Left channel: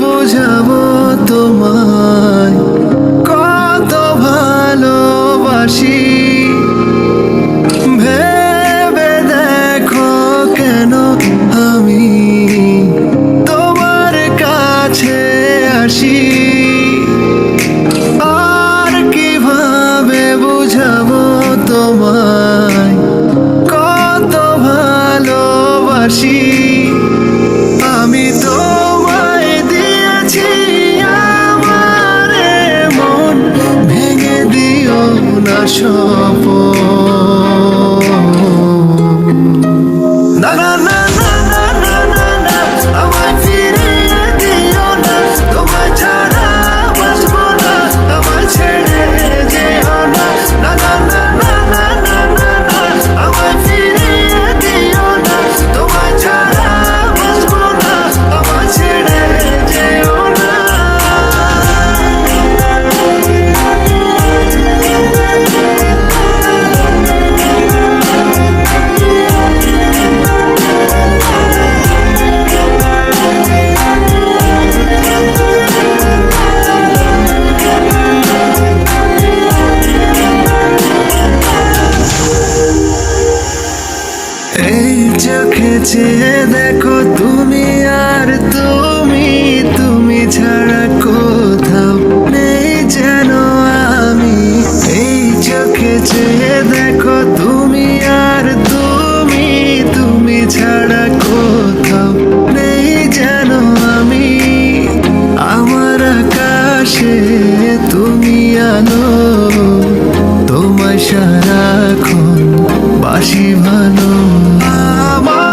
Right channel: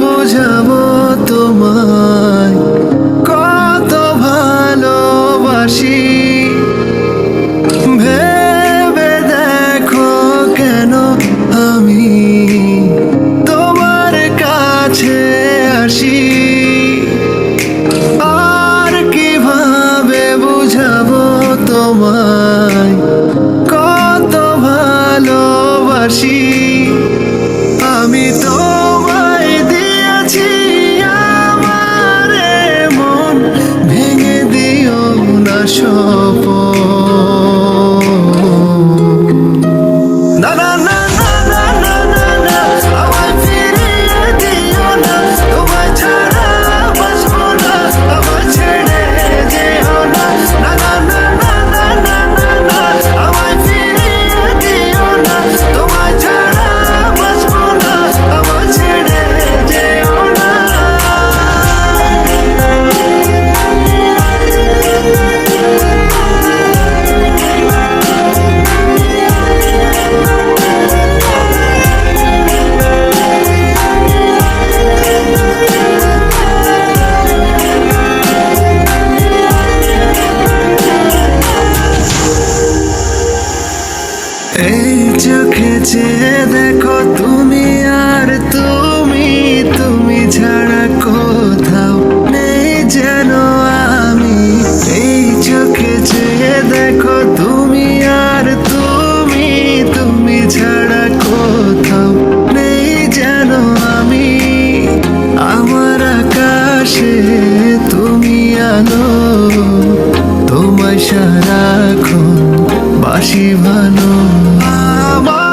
বোঝাবো তোমায় কত ভালোবাসি? ভেবে দেখো কেন আমি তোমার কাছে আসি? আর কিভাবে বুঝাবো তোমায় কত ভালোবাসি? আমি তোমায় দিয়েছি আমার মন, ভেঙে দিও না শপথ। না না না না না না না না, আমায় ফিরিয়ে দিও না, তোমায় ছাড়া বাঁচবো না, আমায় ছেড়ে যেও না। না না না না না না না না, আমায় ফিরিয়ে দিও না, তোমায় ছাড়া বাঁচবো না, আমায় ছেড়ে যেও না। এই চোখে চেয়ে দেখো তুমি আর তুমি ছাড়া কোথাও নেই যেন আমি। এই চোখে চেয়ে দেখো তুমি আর তুমি ছাড়া কোথাও নেই যেন আমি। আমার আকাশে তুমি আলো, তোমায় সারাক্ষণ বাসি ভালো। আমার